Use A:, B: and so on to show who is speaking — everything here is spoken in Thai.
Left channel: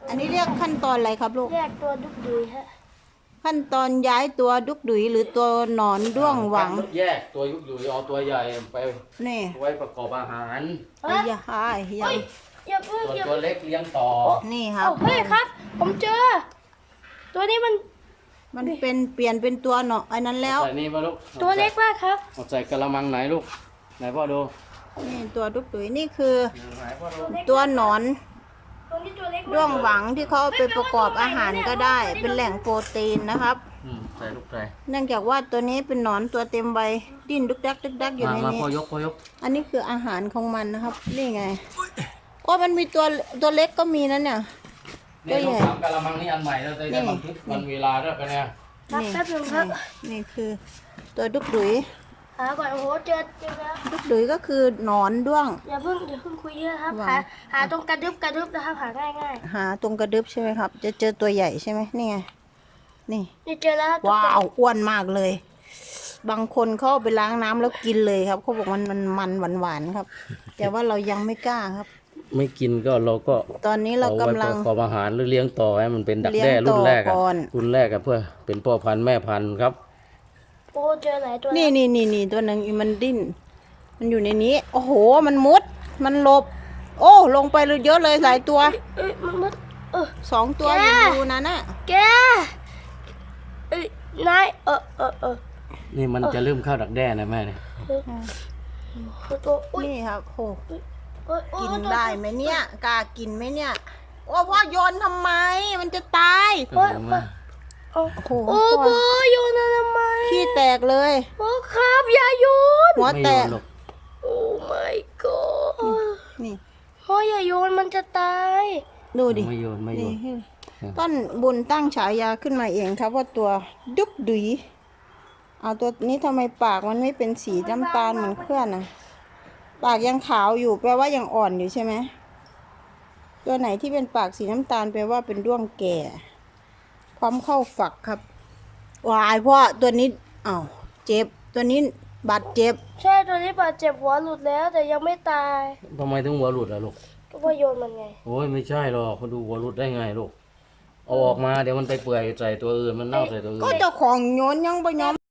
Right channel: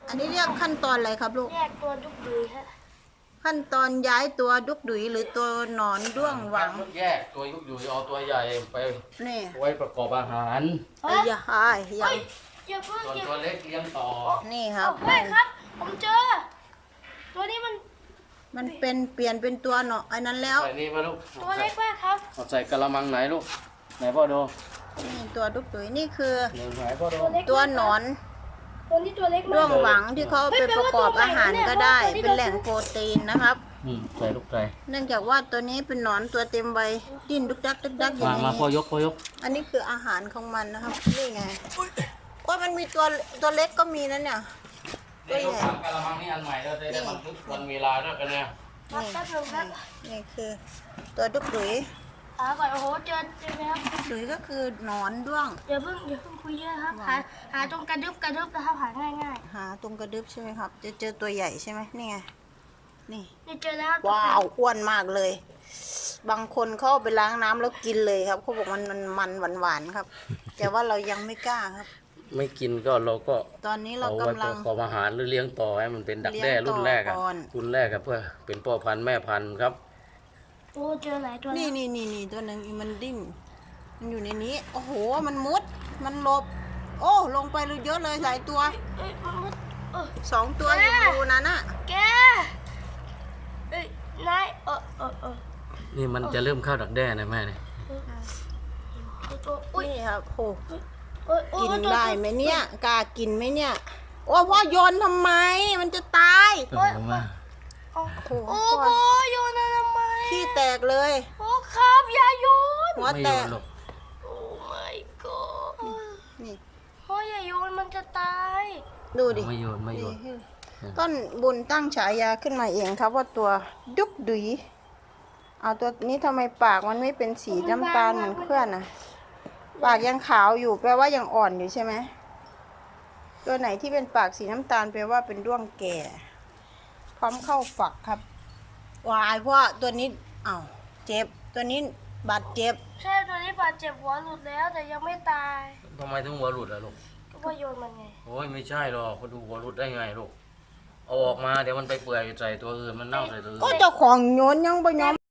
A: อันนี้เรียกขั้นตอนอะไรครับลูก
B: แยกตัวดุกดุยฮะ
A: ขั้นตอนย้ายตัวดุกดุยหรือตัวหนอนด้วงหวัง
C: แยกตัวยุกอยู่เอาตัวใหญ่ไป
A: นี่
C: ไว้ประกอบอาหาร
A: ไอ้ยาหายยัง
B: อย่าเพิ่ง
C: ส่วน
B: อย่า
C: ตัวเล็กเลี้ยงต่อ
A: นี่ครับ
B: เฮ้ยครับ ผมเจอ ตัวนี้มัน
A: มันเป็นเปลี่ยนเป็นตัวหนอนไอ้นั้นแล้ว
C: ใส่นี่มาลูก
B: ตัวเล็กมากครับ
C: เอาใส่กระมังไหนลูกไหนพ่อดู
A: นี่ตัวดุกดุยนี่คือ
C: เดี๋ยวไหนพ่อดู
B: ตัวเล็ก
A: ตัวหนอน
B: ตัวนี้ตัวเล็กมาก
A: ด้วงหวังที่เขาเอาไปประกอบอาหารก็ได้ เป็นแหล่งโปรตีนนะครับ
C: ใส่ลูกใส่
A: เนื่องจากว่าตัวนี้เป็นหนอนตัวเต็มใบดิ้นดุกดักดุกดักอยู่
C: มา
A: ใน
C: มาพ่อ
A: นี้
C: ยกพ่อยก
A: อันนี้คืออาหารของมันนะครับ นี่ไงก็มันมีตัวเล็กก็มีนั่นเนี่ย
C: นี่ลูกทำกระมังนี่อันใหม่เราจะได้บันทึกวันเวลาด้วยกันเนี่ย
B: ครับ
A: นี่
B: แป๊บนึงครับ
A: นี่คือตัวดุกดุย
B: หาก่อนโอ้โหเจอแล้ว
A: ดุกดุยก็คือหนอนด้วง
B: อย่าเพิ่งคุยเยอะครับ
A: วาง
B: หาตรงกระดึบนะครับหาง่าย
A: หาตรงกระดึบใช่ไหมครับ จะเจอตัวใหญ่ใช่ไหมนี่ไงนี่
B: ๆนี่เจอแล้วครับ
A: ว้าวอ้วนมากเลย บางคนเขาเอาไปล้างน้ำแล้วกินเลยครับเขาบอกมันหวานๆครับ แต่ว่าเรายังไม่กล้าครับ
C: ไม่กินก็เราก็
A: ตอนนี้เรา
C: เอาไว้
A: กำลั
C: ป
A: ง
C: ระกอบอาหารหรือเลี้ยงต่อให้มันเป็นดัก
A: เลี้ยง
C: แด้รุ่นแรก
A: ต่
C: อะ
A: อก่อน
C: รุ่นแรกอะเพื่อเป็นพ่อพันธุ์แม่พันธุ์ครับ
B: โอ้เจอหลายตัว
A: นี่ตัวหนึ่งมันดิ้น มันอยู่ในนี้ โอ้โห มันมุด มันหลบ โอ้ลงไปเลยเยอะเลยหลายตัว
B: เอ้ยมัน
A: สองตัวอยู่รูนั้นน่ะ
B: แกเอ้ยนาย
C: นี่มันจะเริ่มเข้าดักแด้นะแม่เนี่ย
B: ตัวอุ้ย
A: นี่ครับโอ้
B: โอ้
A: กิน
B: ตัว
A: ได้ไหมเนี่ยกล้ากินไหมเนี่ย โอ้พ่อโยนทำไม มันจะตาย
C: เอามา
B: โอ้
A: โอ้โห
B: โอ้โหโยนอะไรทำไม
A: ขี้แตกเลย
B: โอ้ครับอย่าโยน
A: หัว
C: ไม่
A: แต
C: โย
A: ก
C: นหรอก
B: โอ้ my god
A: นี่
B: พ่ออย่าโยนมันจะตาย
A: ดูดิ
C: ไม่โยนไม่โยน
A: นี่ต้นบุญตั้งฉายาขึ้นมาเองครับว่าตัวดุกดุยเอาตัวนี้ทำไมปากมันไม่เป็นสีน้ำตาลเหมือนเพื่อนนะปากยังขาวอยู่แปลว่ายังอ่อนอยู่ใช่ไหมตัวไหนที่เป็นปากสีน้ำตาลแปลว่าเป็นด้วงแก่ พร้อมเข้าฝักครับวายเพราะตัวนี้อ้าวเจ็บตัวนี้บาดเจ็บ
B: ใช่ตัวนี้บาดเจ็บหัวหลุดแล้วแต่ยังไม่ตาย
C: ทำไมถึงหัวหลุดอะลูก
B: ก็ว่าโยนมันไง
C: โอ้ยไม่ใช่หรอกเขาดูหัวหลุดได้ไงลูกเอาออกมาเดี๋ยวมันไปเปื่อยใส่ตัวอื่นมันเน่าใส่ตัวอื่น
A: ก็เจ้าของโยนยังไปย้อม